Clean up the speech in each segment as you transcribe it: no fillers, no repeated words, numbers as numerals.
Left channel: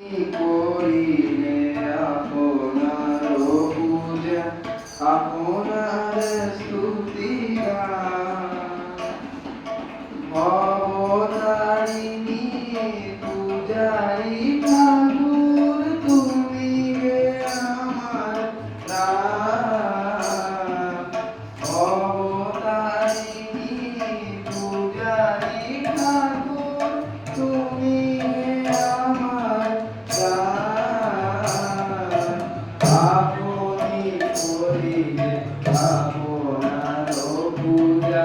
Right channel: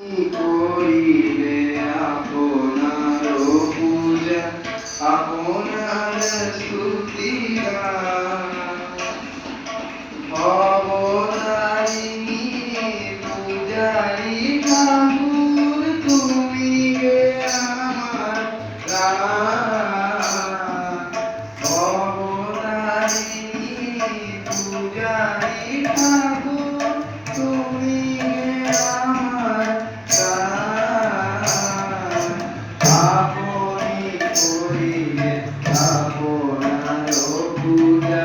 করিলে আপনার পূজা আপনার স্তুতি গান ভবতারিণী পূজারি ঠাকুর তুমি গে আমার প্রাণ ভবতারিণী পূজারি ঠাকুর তুমি গে আমার আপনি করিলে আপনার পূজা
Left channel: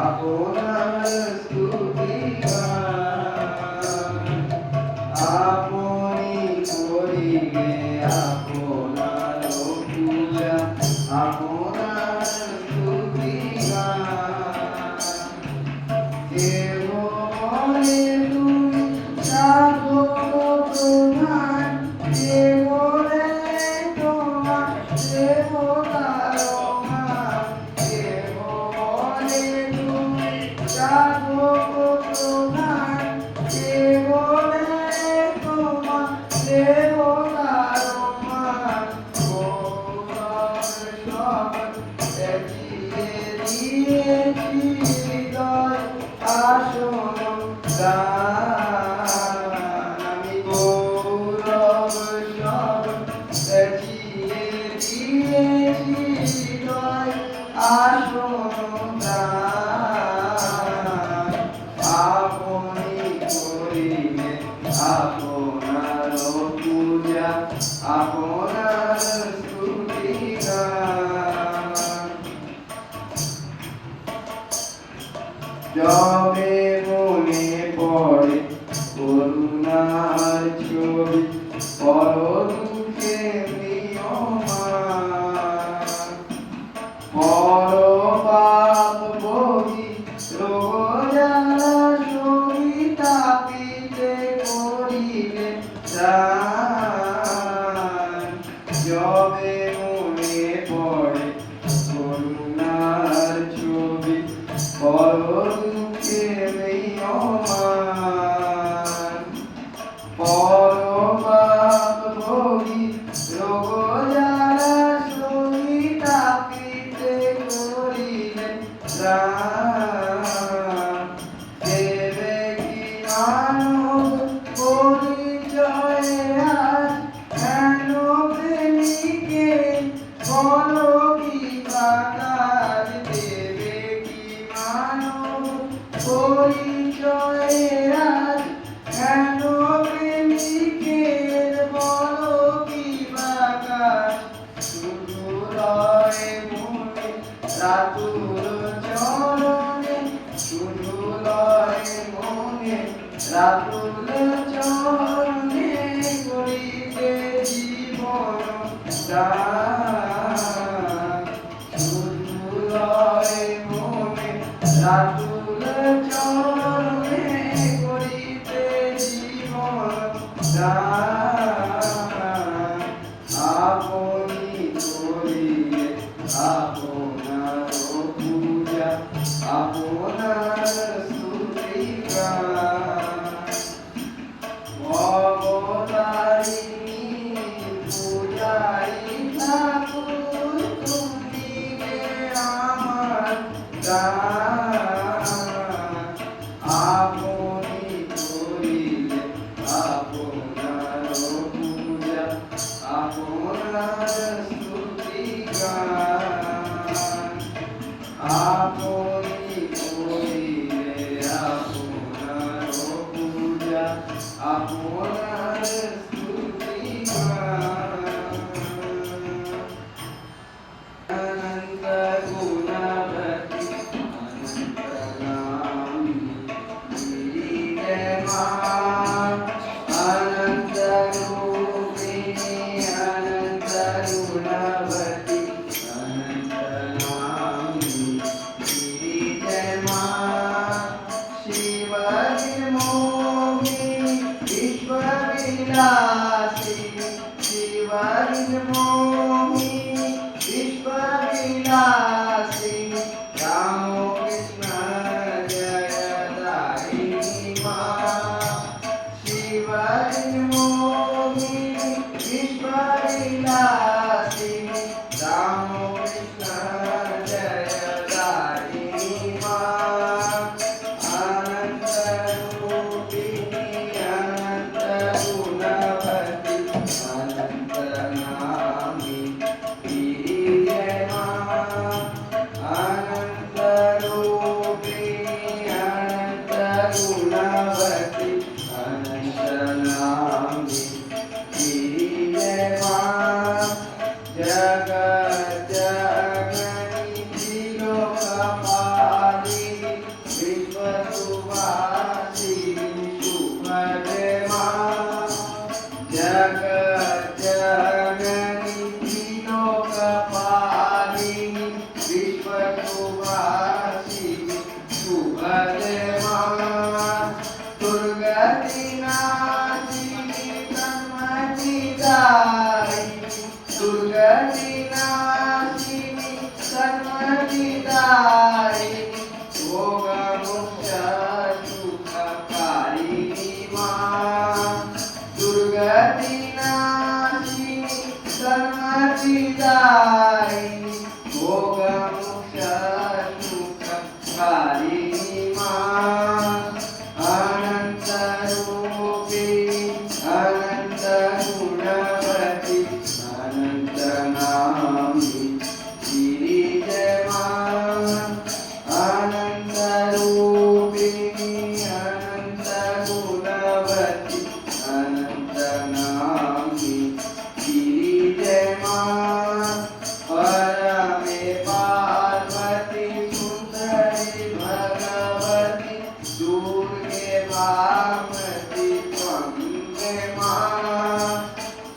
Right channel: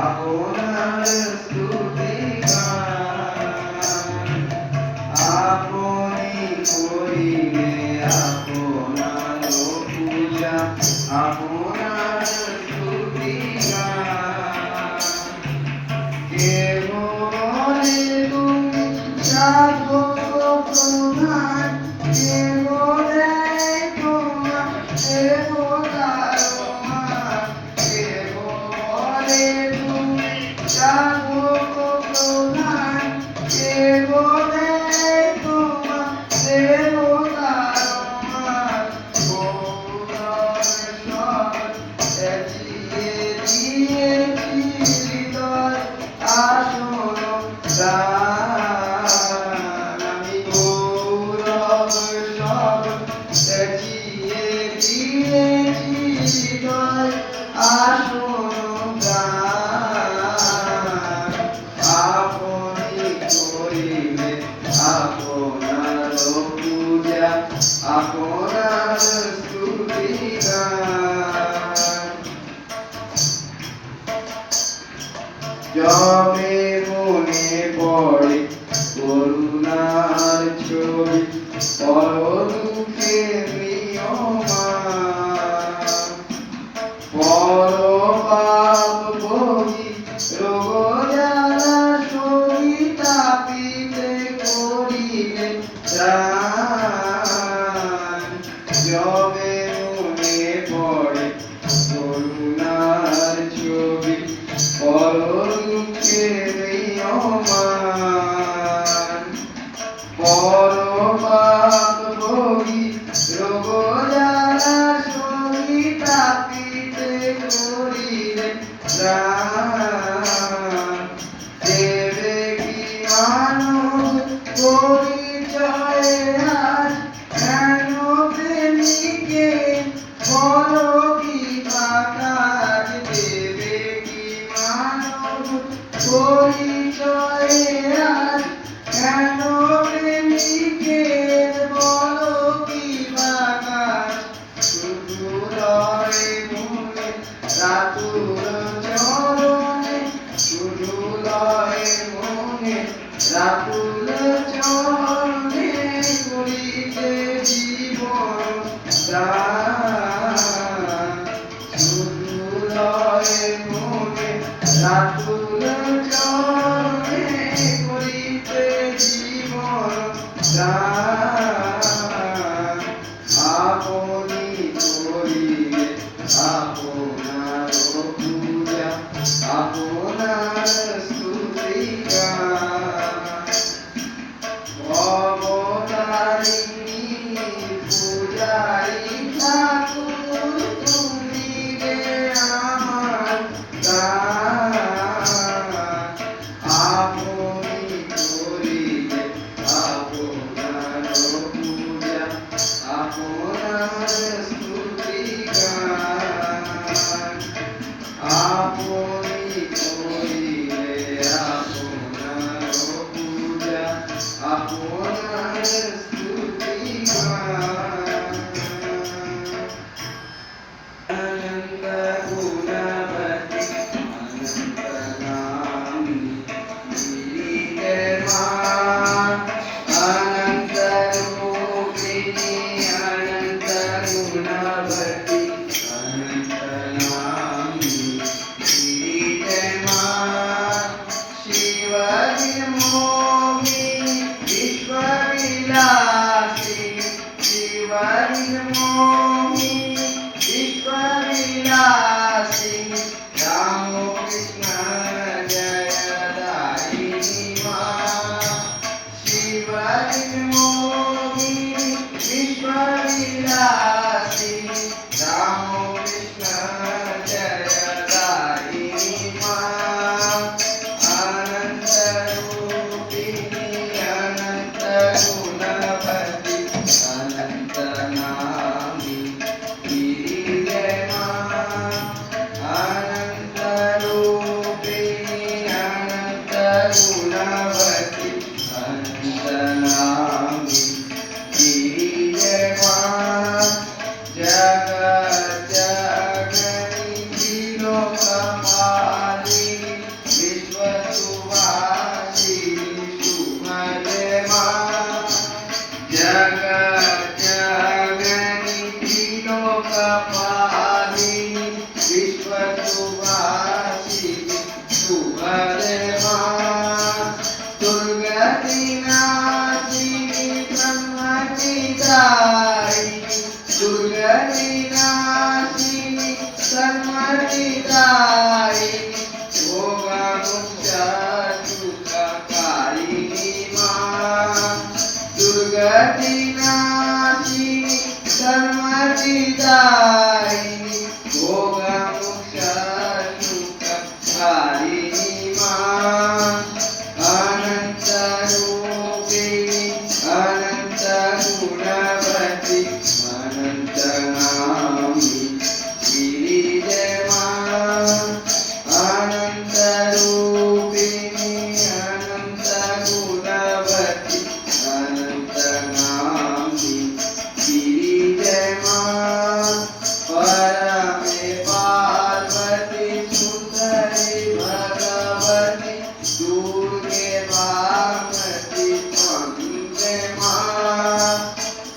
আপনার স্তুতি গান আপনি করিলে আপনার পূজা আপনার স্তুতি গান কে বলে তুমি সাধক প্রধান কে বলে তোমার দেবতার মান কে বলে তুমি সাধক প্রধান কে বলে তোমার দেবতার মান সাজিয়ে দিয়েছি হৃদয় আসন প্রাণ আমি গৌরব সব সাজিয়ে দিয়েছি হৃদয় আসন প্রাণ আপনি করিলে আপনার পূজা আপনার স্তুতি গান যবে মনে পড়ে করুণার ছবি পরদুঃখে প্রিয়মান পরপাপ বহি রোগ জ্বালা শরীর তাপিতে করিলে ত্রাণ যবে মনে পড়ে করুণার ছবি পরদুঃখে প্রিয়মান পরপাপ ভোগী রোগ জ্বালা শরীর তাপিতে করিলে ত্রাণ দেবে কি মানব পরিচয়ে আজ কেন প্রেমিকে বলো কি কাজ দেবে কি মানব পরিচয়ে আজ কেন প্রেমিকে বলো কি কাজ শুধু লয় মনে রাতুল চরণে শুধু লয় মনে রাতুল চরণে করিতে জীবন দান শুধু লয় মনে রাতুল চরণে করিতে জীবন দান আপনি করিলে আপনার পূজা আপনার স্তুতি গান ভবতারিণী পূজারি ঠাকুর তুমি গে আমার প্রাণ আপনি করিলে আপনার পূজা আপনার স্তুতি গান আপনি করিলে আপনার পূজা আপনার স্তুতি গান আনন্দ গুণবতী অনন্ত নামী নীলে মা অনন্ত রূপিণী অনন্ত গুণবতী অনন্ত নামী নীলে মা শিবনির্মোহিনী বিশ্ববিলাসিনী শিবনির্মোহিনী বিশ্ববিলাসিনী রামকৃষ্ণ জয়দায়িনী মা শিবনির্মোহিনী जगज्जननी त्रिलोकपालिनी विश्वसुवासिनी शुभदे मां दुर्गति नाशिनी सन्मतिदायिनी दुर्गति नाशिनी सन्मतिदायिनी भोगमुक्तसुखकारिणी मां दुर्गति नाशिनी सन्मतिदायिनी भोगमुक्तसुखकारिणी मां अनन्तरूपिणी अनन्तगुणवती अनन्तनामिनी गिरिजय मां अनन्तरूपिणी अनन्तगुणवती अनन्तनामिनी गिरिजय मां परमे पार्वती सुन्दरी भगवती दुर्गे वामती वन्दे मां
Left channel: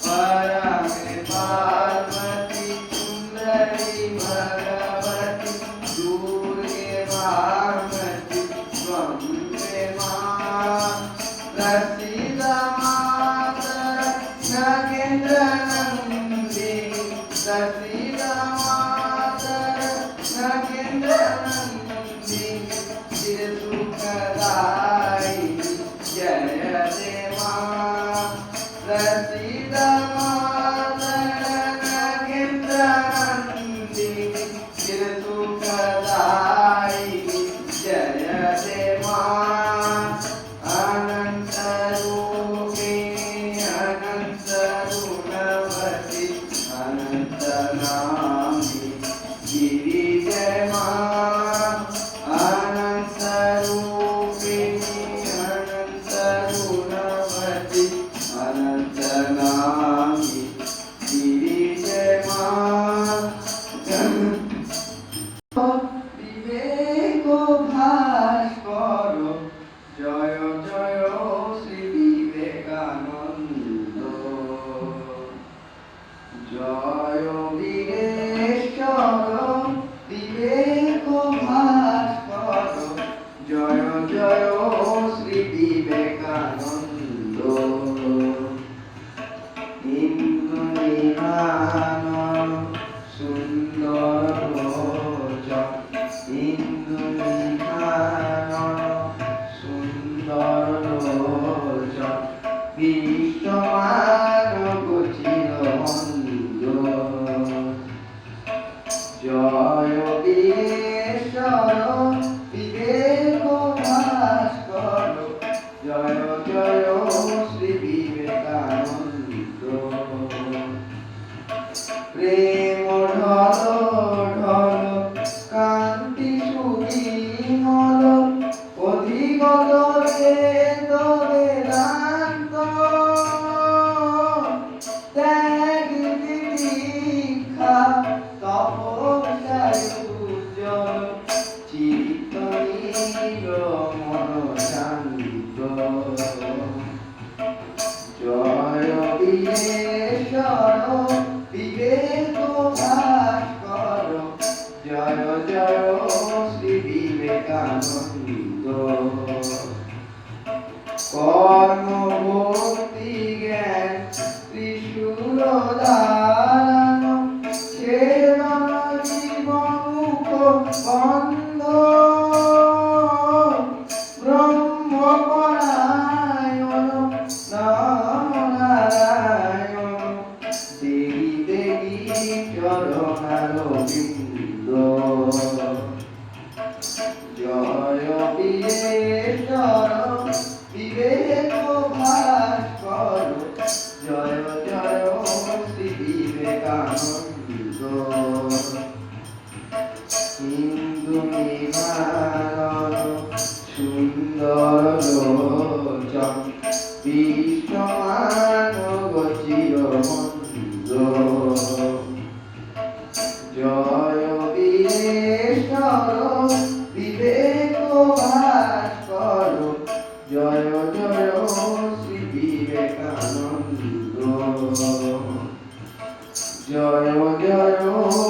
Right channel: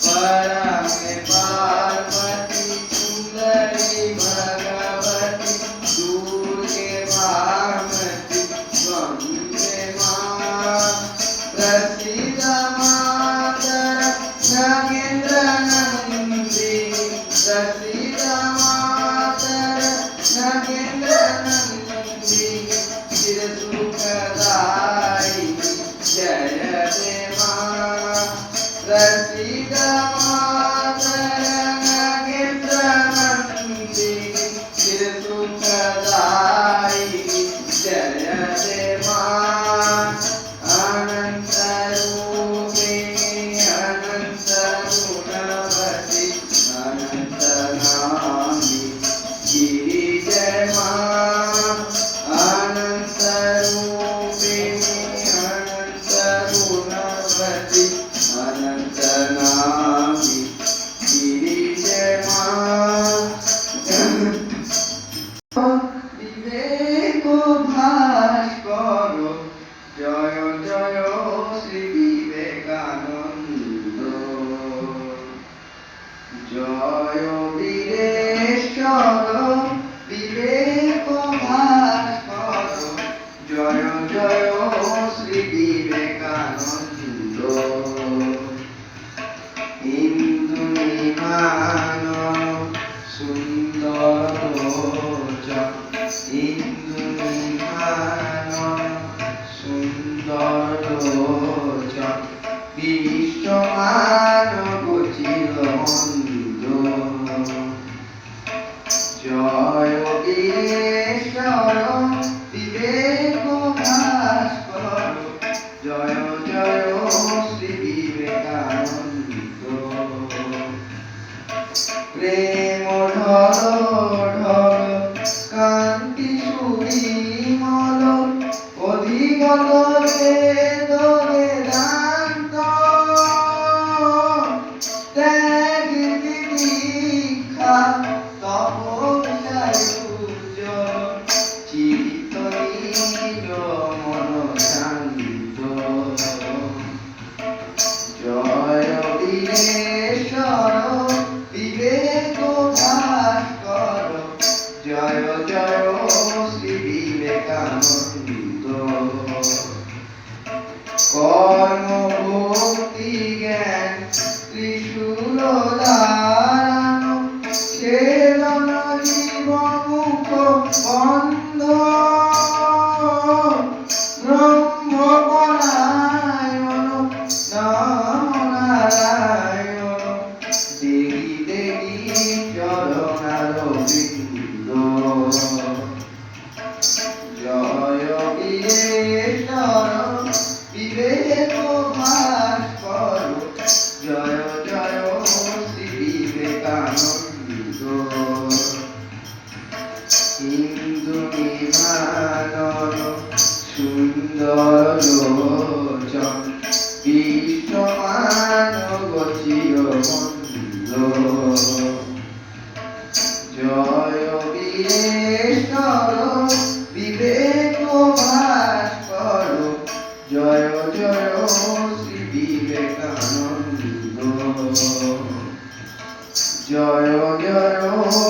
परमे पार्वती सुन्दरी भगवती दुर्गे वामती वन्दे मां प्रसीद मातर नगेन्द्रनन्दिनी प्रसीद मातर नगेन्द्रनन्दिनी चिरसुखदायिनी जय देवा प्रसीद मातर नगेन्द्रनन्दिनी चिरसुखदायिनी जय देवा अनन्तरूपिणी अनन्तगुणवती अनन्तनामिनी गिरिजय मां अनन्तरूपिणी अनन्तगुणवती अनन्तनामिनी गिरिजय मां विवेक भास्कर जय जय श्री विवेकानंद जय वीरेश्वर विवेक भास्कर जय जय श्री विवेकानंद इंदुनिमान सुंदर लोचन इंदुनिमान सुंदर लोचन विश्वमान गोचिरमन्द जय वीरेश्वर विवेक भास्कर जय जय श्री विवेकानंद प्रेम ढल ढल कांति सुविमल অধিগত বেদ বেদান্ত ত্যাগ দীক্ষা তপস্যায় উজ্জ্বল চিত্ত নীল মন শান্ত জয় বীরেশ্বর বিবেক ভাস্কর জয় জয় শ্রী বিবেকানন্দ কর্ম ভক্তি জ্ঞান ত্রিশূল ধারণ ছেদন জীবমুখ বন্ধ ব্রহ্মপরায়ণ নম নারায়ণ দেহি দেহি চরণারবিন্দ জয় বীরেশ্বর বিবেক ভাস্কর জয় জয় শ্রী বিবেকানন্দ হিন্দু নিমান সুন্দর লোচন বিশ্বমান গচি জয় জয়